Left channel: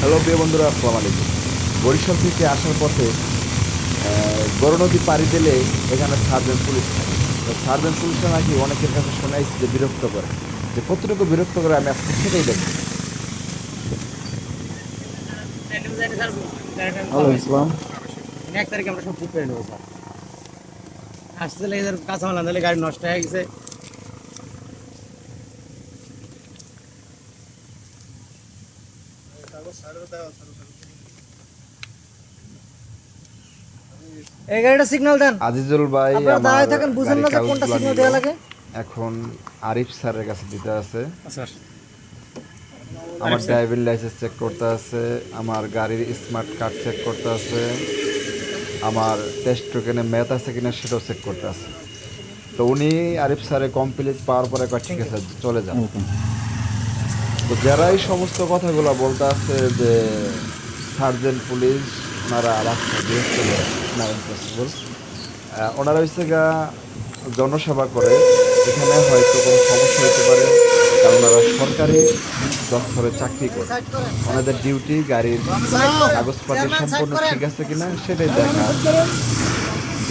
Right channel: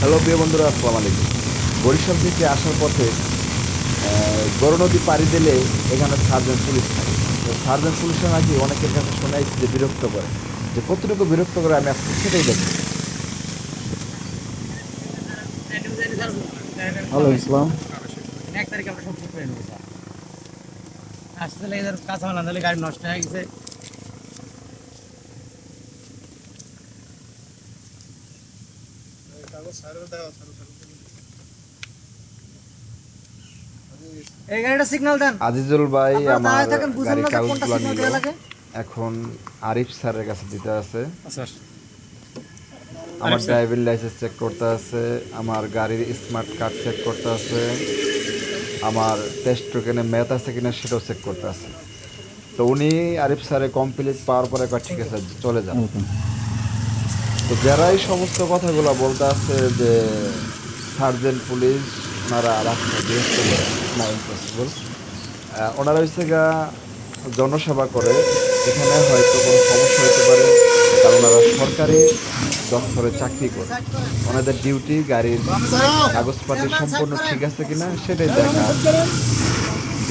Hello প্রিয় বন্ধুরা, আসসালামু আলাইকুম। বরিশাল থেকে আসার পথে গড় নদী পাড়ি দিলে এখানে সার্জেন্ট পুলিশ থাকে। তো সার্জেন্ট পুলিশরা নাকি অনেকের কাছে শোনাইছে যে বিরক্ত করে, যে কতটুকু বিরক্ত করে আমি আজকে সেটাই দেখব। হ্যালো ইসলাম। এক তারিখে আমরা সব ঠিক করে নেবো স্যার। আসতে লেগে যার কাঁচামাল আনতে গাড়ি নষ্ট হয়ে গেছে। এই গাড়িটা সিগন্যাল দেন। আজিজুল ভাই আপনারা আমার দাঁড়ায় থাকেন, বুঝেন গাড়ির না যে কোনটা কাগজগুলো সিগন্যাল নিল, দেওয়া লাগে। এখন আরিফ স্যারের কাছে দিতে আছে। স্যার আমার ড্রাইভিং লাইসেন্স চেক করতে আছে, আমার গাড়ির স্মার্ট কার্ড চেক করতে আছে, আমার টেস্ট টোকেনে ম্যাথ আছে কিনা সেটাও চেক করতে আছে। তো উনি আরিফ স্যারে কমপ্লিট পাওয়ার পরে কয় ঠিক আছে চলে যান। তো যারা এই সমস্ত কথাগুলো বলতে আছে যে সার্জেন্ট পুলিশ ওনারা রাস্তায় বিরক্ত করে, না ইম্পসিবল। ওনারা হচ্ছে গা জনসেবা করে, এখানে হয়তো কোনো সমস্যা হইতে পারে, কারণ ওনারা সরকারি দপ্তরে চাকরি করে। ওনাদের ডিউটি গাড়ির কাগজপাতি সম্পূর্ণ ঠিক আছে কিনা সেটাই দেখার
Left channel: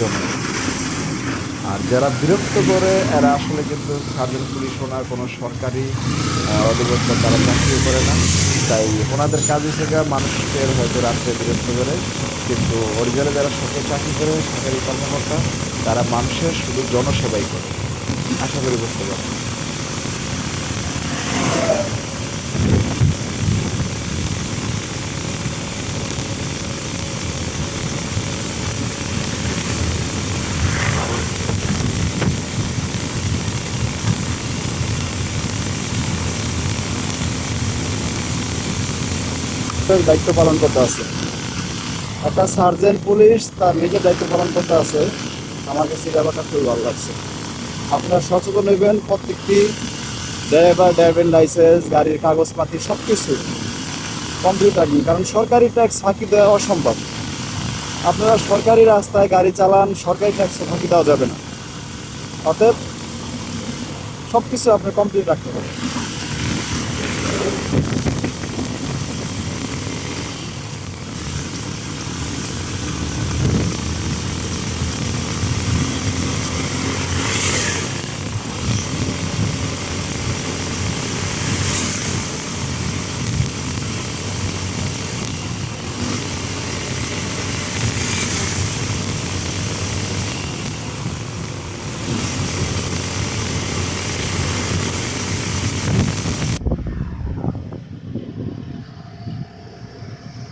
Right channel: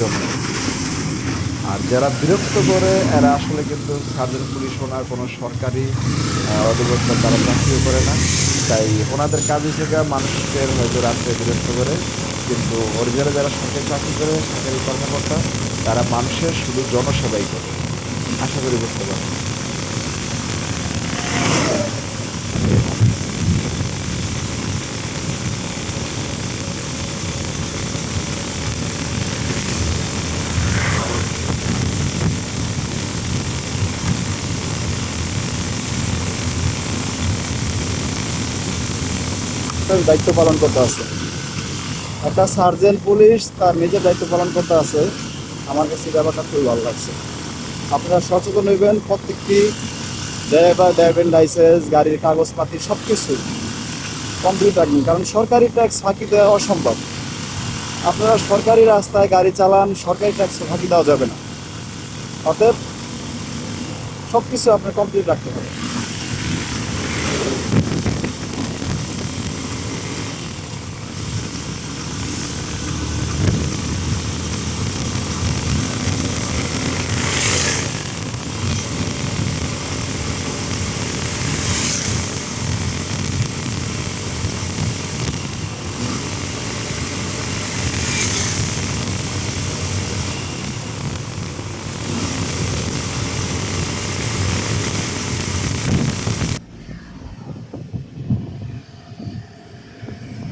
জন্য। আর যারা বিরক্ত করে এরা আসলে কিন্তু সার্জেন্ট পুলিশ ওনার কোনো সরকারি অধিদপ্তর তারা চাকরিও করে না। তাই ওনাদের কাজ হিসেবে মানুষের হয়তো রাত্রে বিরক্ত করে, কিন্তু অরিজিনালে যারা সরকারি চাকরি করে, সরকারি কর্মকর্তা, তারা মানুষের শুধু জনসেবাই করে। আশা করি বুঝতে পারছি। দায়িত্ব পালন করতে আছে একটা সার্জেন্ট পুলিশ, তার নিজের দায়িত্ব পালন করতে আছে। আমার কাছে এই ব্যাপারটা খুবই ভালো লাগছে। আপনারা সচেতন হইবেন, প্রত্যেকটি ড্রাইভিং লাইসেন্স, গাড়ির কাগজপাতি সব কিছু কমপ্লিট রাখবেন, কারণ সরকারি ট্যাক্স ফাঁকি দেওয়া অসম্ভব। আপনারা সরকারি রাস্তায় গাড়ি চালান, সরকারি ট্যাক্স ফাঁকি দেওয়া যাবে না। অতএব সব কিছু আপনার কমপ্লিট রাখতে হবে।